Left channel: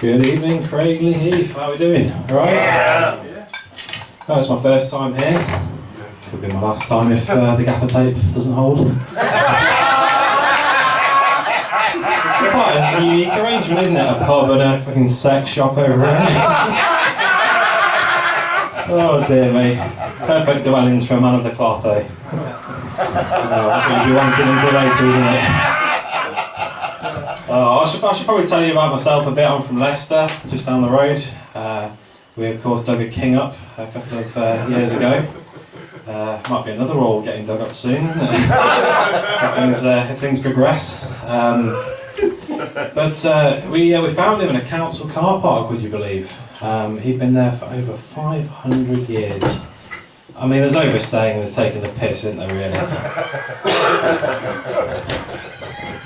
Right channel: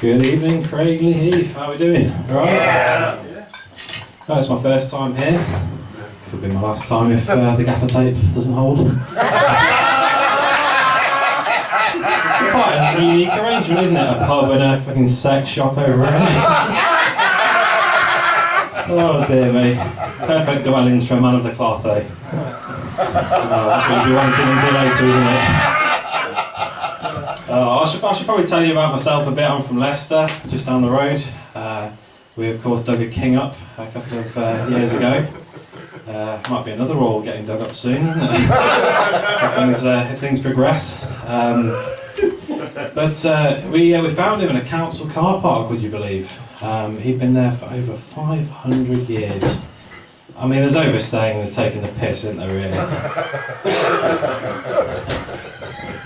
Good evening, Craig Lee Heath. How are we doing? All right? Yeah. Oh, it's my first time here. Could be my last time if the gaffer tape doesn't hold. It's quite a unique arrangement, isn't it? A pub and a fucking sex shop over here. Oh dear me. Perfect dwellings for a man of the cloth, eh? Oh, that's what you'll be wanking into later, isn't it? I should probably tell you about myself a bit. I'm from Leicester, just down the road. We of course dug a king up a couple of years ago. Might be another wall getting dug up soon, isn't it? if things progress. But we found him in a council car park, would you believe? He'd been there for over 500 years. I mean, there's overstaying and there's taking the piss, isn't there, really?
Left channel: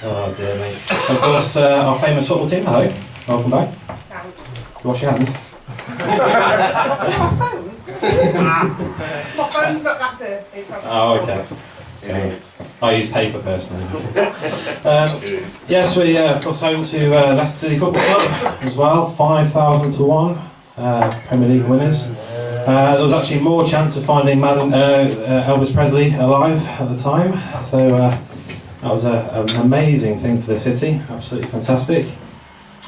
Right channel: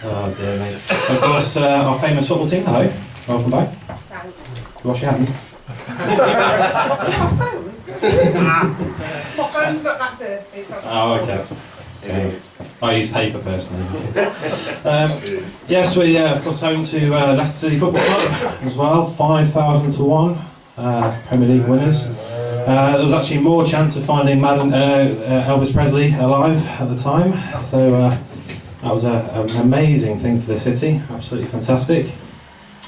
Oh dear me. Of course, our famous football team, hello. Welcome back. Thanks. Wash your hands. My phone's not that dirty. Oh, okay. I use paper personally. Yes, we of course home to Leicester City Football Club as well, 5,000 to 1 Premier League winners. There was actually more chance of finding Elvis Presley alive at the time, so that was an amazing thing for the city, absolutely fantastic.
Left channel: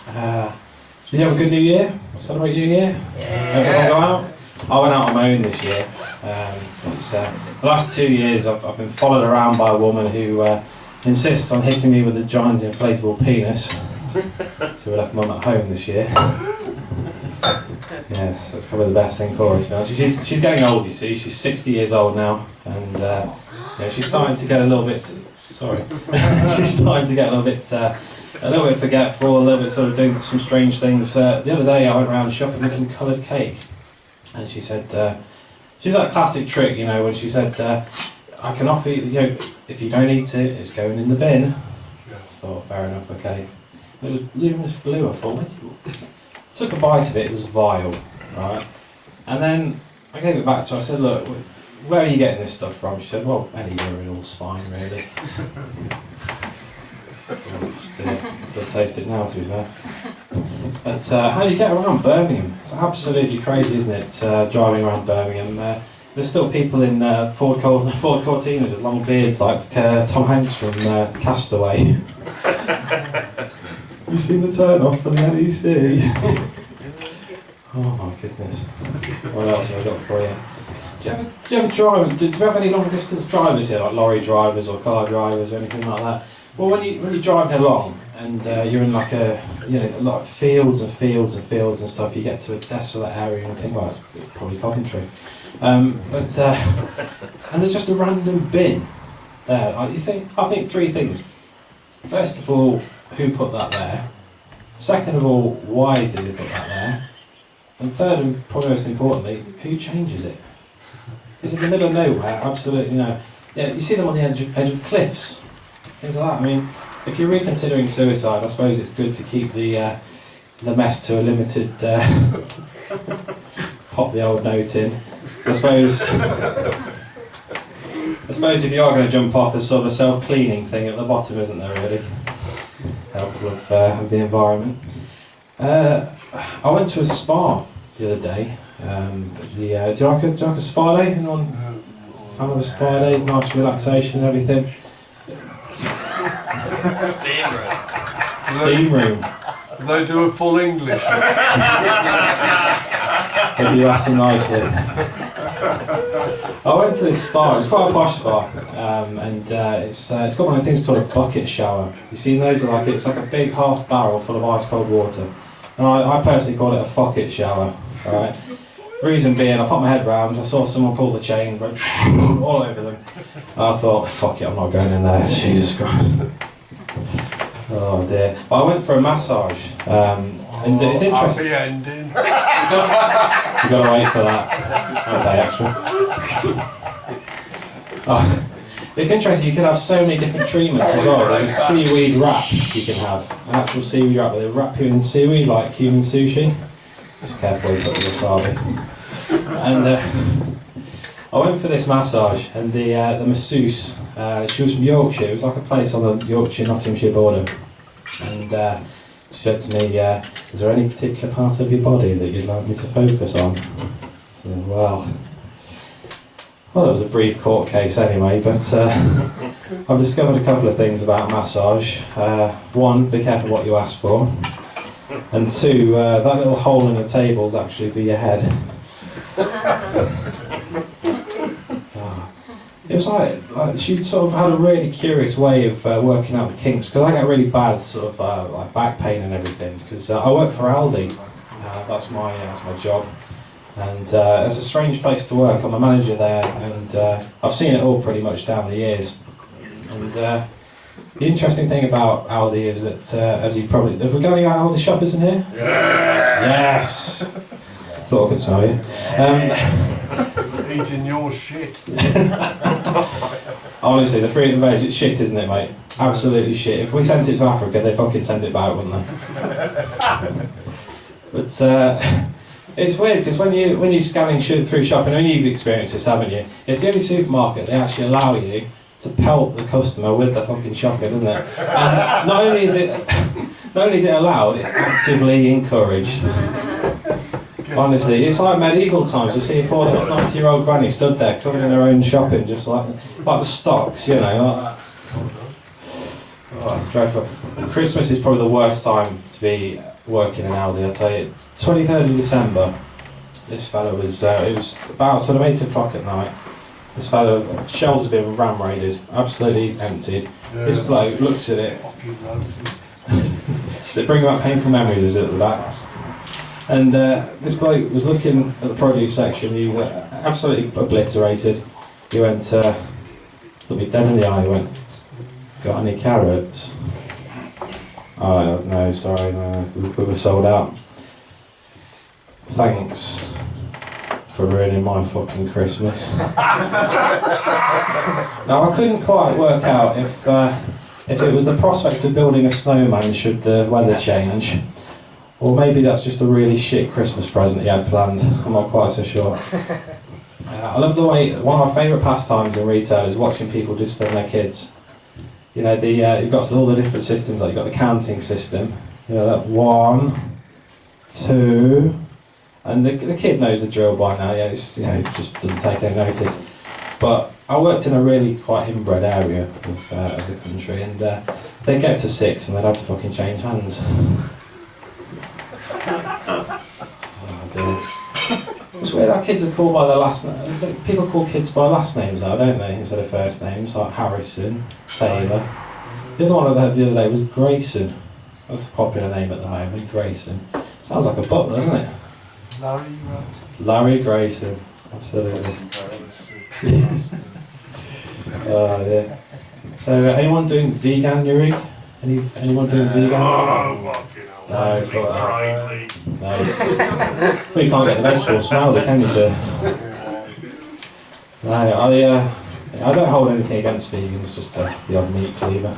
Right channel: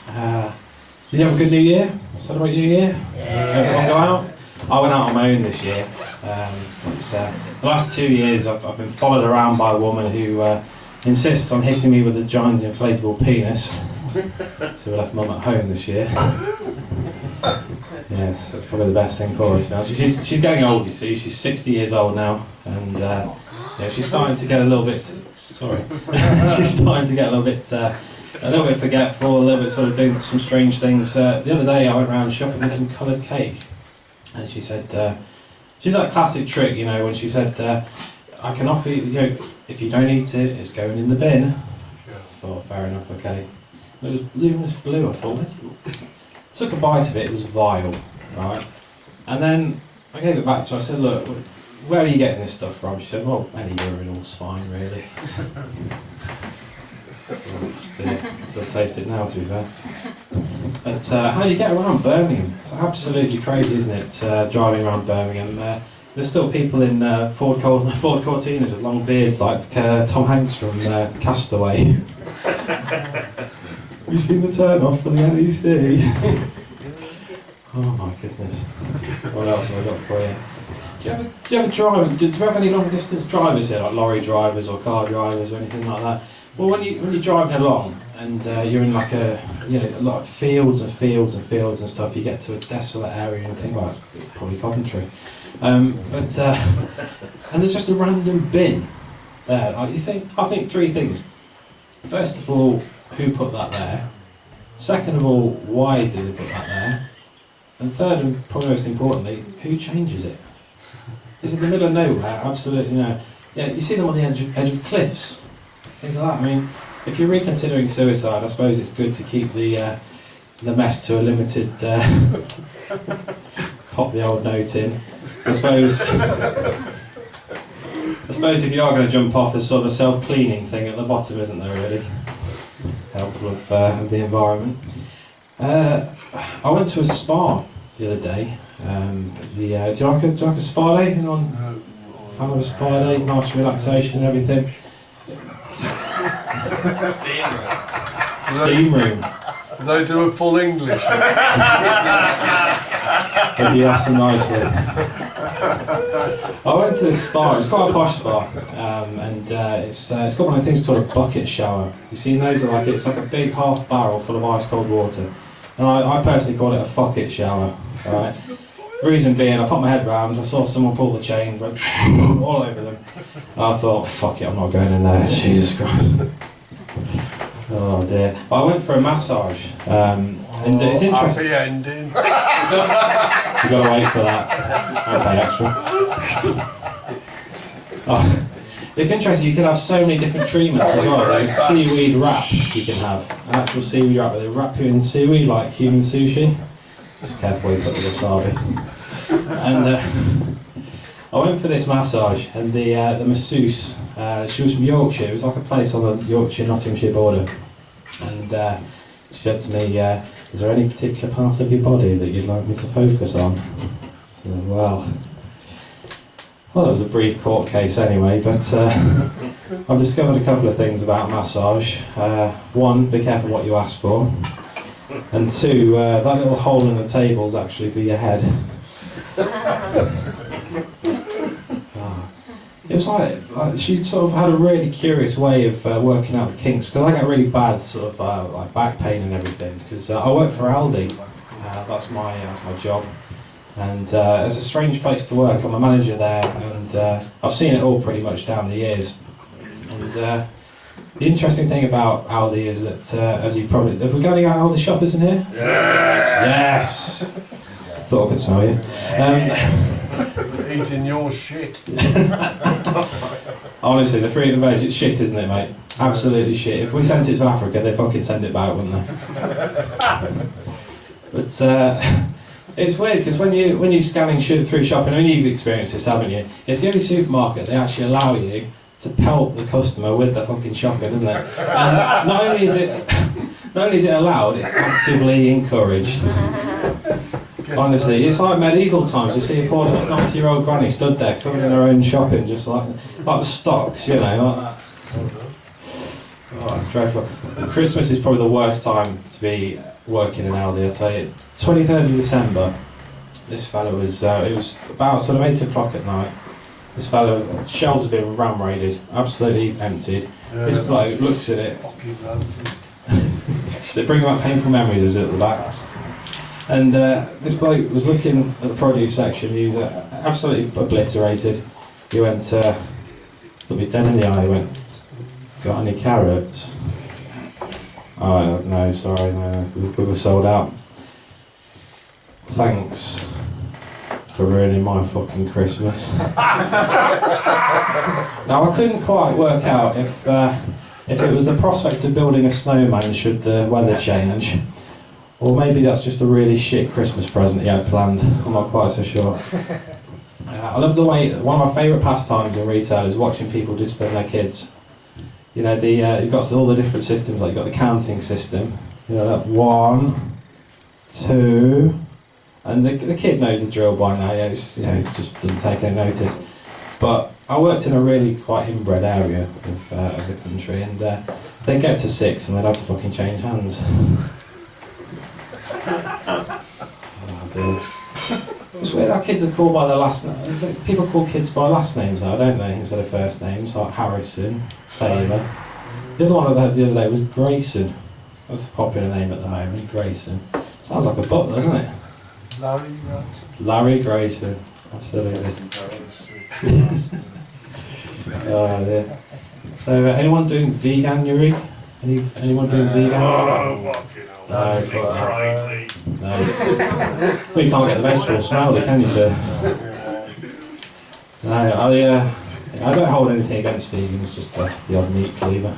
Did you have a good New Year? Celebrate New Year? Everyone go out? I went out on my own this year. The last 2 years I've been followed around by a woman who insists on hitting me with a giant inflatable penis. So we left Mum at home this year. Yes, that's probably the best thing for her, to be honest. She's getting old, you see. She's 60 years old now, and she's starting to get a little bit. Sorry, she's starting to get a little bit forgetful, a little bit sort of doing some strange things. The other day I went around shopping with some coloured cake. And she said, she did that classic trick, when she said, I can offer you, if you don't eat it, it's going in the bin. I thought, fair enough, okay. But it was luminous blue, I thought. Took a bite of it, it was vile, right? And then I gave it back to her, I said, look, where are you getting this stuff from? She said, well, any urinal's fine, really. Still taste it now, to be fair. But how do you get around Birmingham? It's absolutely crazy, isn't it? Driving around Birmingham. There's still people in Ford Cortinas with long beards like Tom Hanks from Castaway. Have you seen the turn off for the NEC? Oh my goodness. What else have I got for you? Do you ever drive? Do you have any long distance drivers here, like lorry drivers or car drivers or anything like that? Well, when you're driving along and you're in like a lot of fields and fields and fields and stuff, you get to a desolate area and you think, well, it's probably Coventry. And there's just a random bin there. Like I think three things. First of all, who put that there? Second of all, why did they put that there? And third, and probably most importantly, who changes it? It's in the middle of nowhere, absolutely no. Yeah, you see them on the edge of cliffs. Things like that. I mean, if you're reconsidering suicide, I suppose it's good to keep the mess to a limited. Pop the old note in. I suppose if you are going to jump off, there's sort of a self-cleaning thing at the bottom, isn't there? Really helpful of the environment. I went to a spa the other day. Do you like a spa day? Anyone fan of a spa day? Nice relaxation and everything. Steam room. They do a full English. If you ask them nicely. I went to this spa, it's quite a posh spa, and it's got one of the things called a bucket shower. You see those? It's like a big half barrel full of ice cold water. And I personally call it a fucket shower, right? Reason being, I put my head round, I saw someone pull the chain, went all over them. And I thought, fuck it, I'm not going in there, Jesus Christ. Oh dear. But I went for a massage, and it's interesting. Happy ending. You've got to wait for that. I'll pay extra. Oh, it's interesting, you can have so many different treatments as well. There's a seaweed wrap you can have, an actual seaweed wrap, where they wrap you in seaweed like human sushi. Just careful you put the wasabi. And I went for this massage, and the masseuse, she was from Yorkshire. It was like a place on the Yorkshire-Nottinghamshire border, and she said to me, is there any particular part of your body that you'd like me to focus on? I said, well, it was a brief court case anyway, but I've discovered a couple of things about massage. One, be careful what you ask for. And two, that little hole in the table is actually for your head. It was like she sort of had a really curious way of working out the kinks, because I get really bad sort of like back pain and everything, because I work for Aldi. That's my job, and it's a strange place to work. I'm a manager there, and I've seen it all pretty much down the years. And the interesting thing about Aldi is that, as you probably, have we got any Aldi shoppers in here? Yes. Thought I could smell you. Eating your shit. Honestly, the fruit and veg, it's shit, isn't it, mate? Absolutely shit. If we sent it to Africa, they'd fucking send it back, wouldn't they? But it's weird, because when you're scanning through shopping, I mean, you've experienced this, haven't you? It's the only supermarket they actually allow you to pelt the customer with the fucking shopping, isn't it? And not only is it allowed, it's actively encouraged. Honestly, it's like medieval times. You see a poor 90-year-old granny stood there covered in her own shopping, just like the stocks, you know, like that. Oh, that's dreadful. Christmas is probably the worst time to be working in Aldi, I tell you. 23rd of December, this fella was, it was about sort of 8 o'clock at night. This fella, shelves have been ram raided, absolutely emptied. This bloke looks at it. They bring back painful memories, is it, at the back? And this bloke was looking at the produce section. He was absolutely obliterated. He went, looked me dead in the eye, he went, got any carrots? Oh, no, sorry, no, we were sold out. Thanks for ruining my fucking Christmas. Now, I couldn't quite work out if it was the prospect of building a snowman should the weather change, or maybe that's just a really shit Christmas present he had planned. I'm not quite so sure. I love the way, one of my favourite pastimes in retail is watching people discipline their kids. You know, you've got all the different systems, like you've got the counting system, you know, that 1, 2, and the kid knows the drill by now, yeah, it's, you know, it just doesn't take any notice. But I worked in a really quite inbred area of the country, and they'd get to 6 and they'd have to fucking change hands. Oh dear. It's weird how kids are called by their last name. People call kids by last names now, don't they, instead of first names, like Harrison, Taylor. The other one I had the other day was Grayson. That's the popular name at the moment, Grayson. Sounds like a butler, doesn't it? Larry Grayson. Larry Grayson, absolutely. Oh dear. So anyone doing veganuary? Anyone doing vegan? Oh, fucking hell. No, it's not that. No. Well, you can't get the vegetable smell, can you, sir? No, I don't hold anything against vegans, just the odd meat cleaver.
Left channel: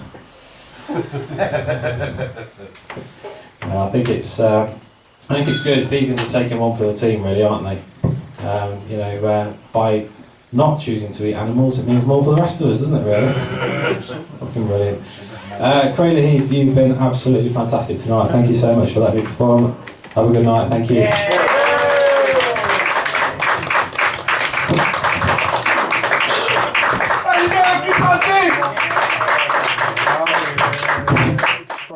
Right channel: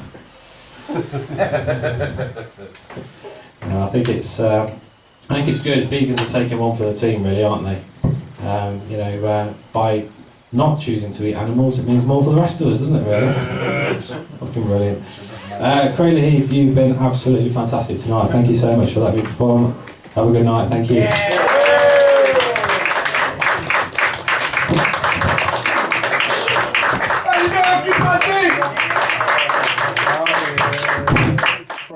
No, I think it's good. Vegans are taking one for the team, really, aren't they? You know, by not choosing to eat animals, it means more for the rest of us, doesn't it, really? Fucking brilliant. Crayley Heath, you've been absolutely fantastic tonight. Thank you so much for letting me perform. Have a good night. Thank you.